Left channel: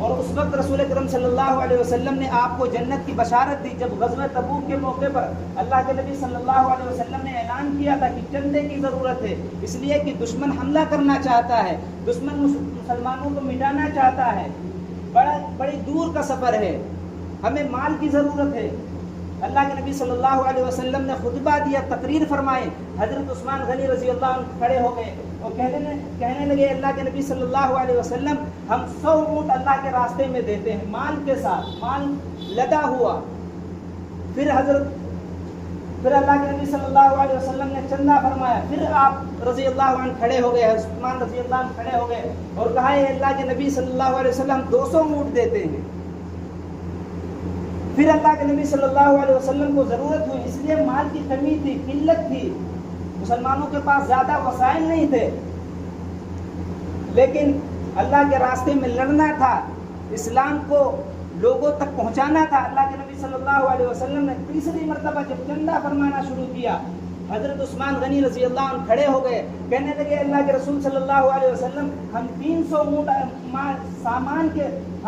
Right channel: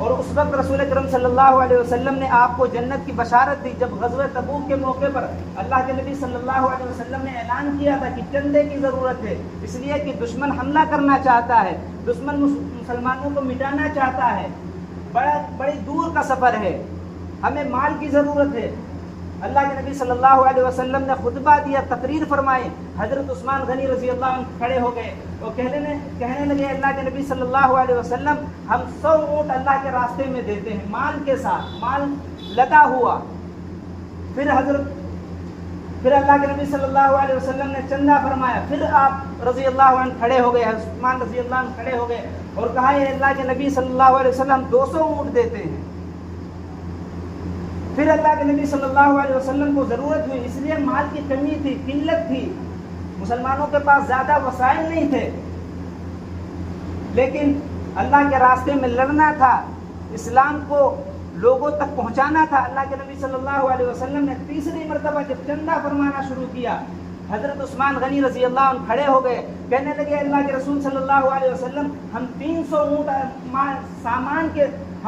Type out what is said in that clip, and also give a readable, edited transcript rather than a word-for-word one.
اور اس وقت رسول اکرم صلی اللہ علیہ وسلم نے آپ کو جنت کی بشارت دی جب غزوہ تبوک کے موقع پر اللہ کے نبی صلی اللہ علیہ وسلم نے اعلان کیا تھا کہ چندے کی ضرورت ہے، اس لیے کہ دشمن حملہ کرنا چاہتا ہے، دشمن مسلمانوں کو مٹانا چاہتا ہے، بڑی دور کا سفر ہے، ہمیں مال کی ضرورت ہے۔ اللہ کے نبی صلی اللہ علیہ وسلم نے خطبہ دیا، تقریر فرمائے، حضرت عثمان غنی رضی اللہ عنہ کھڑے ہو گئے اور کہنے لگے اللہ کے نبی صلی اللہ علیہ وسلم ہم 100 اونٹ اللہ کے راستے میں دیتے ہیں، مال کے ساتھ، مال لدا ہوا۔ پھر اللہ کے نبی صلی اللہ علیہ وسلم نے چندہ فرمایا، پھر آپ رضی اللہ عنہ کھڑے ہو گئے، عثمان رضی اللہ عنہ کھڑے ہو گئے اور کہا ہے اللہ کے نبی صلی اللہ علیہ وسلم 200 اونٹ دیتے ہیں۔ پھر اللہ کے نبی صلی اللہ علیہ وسلم کو ضرورت ہوئی، اس لیے مال کی کمی تھی، قلت تھی، مسلمانوں کے پاس زیادہ وسائل نہیں تھے، لیکن اللہ کے راستے میں لڑنا تھا، اسلام کو لوگوں تک پہنچانا تھا۔ اللہ کے نبی صلی اللہ علیہ وسلم نے تیسری مرتبہ جب چندہ فرمانا شروع کیا، حضرت عثمان غنی رضی اللہ عنہ کھڑے ہو گئے، کہنے لگے اللہ کے رسول صلی اللہ علیہ وسلم ہم 300 اونٹ سامان کے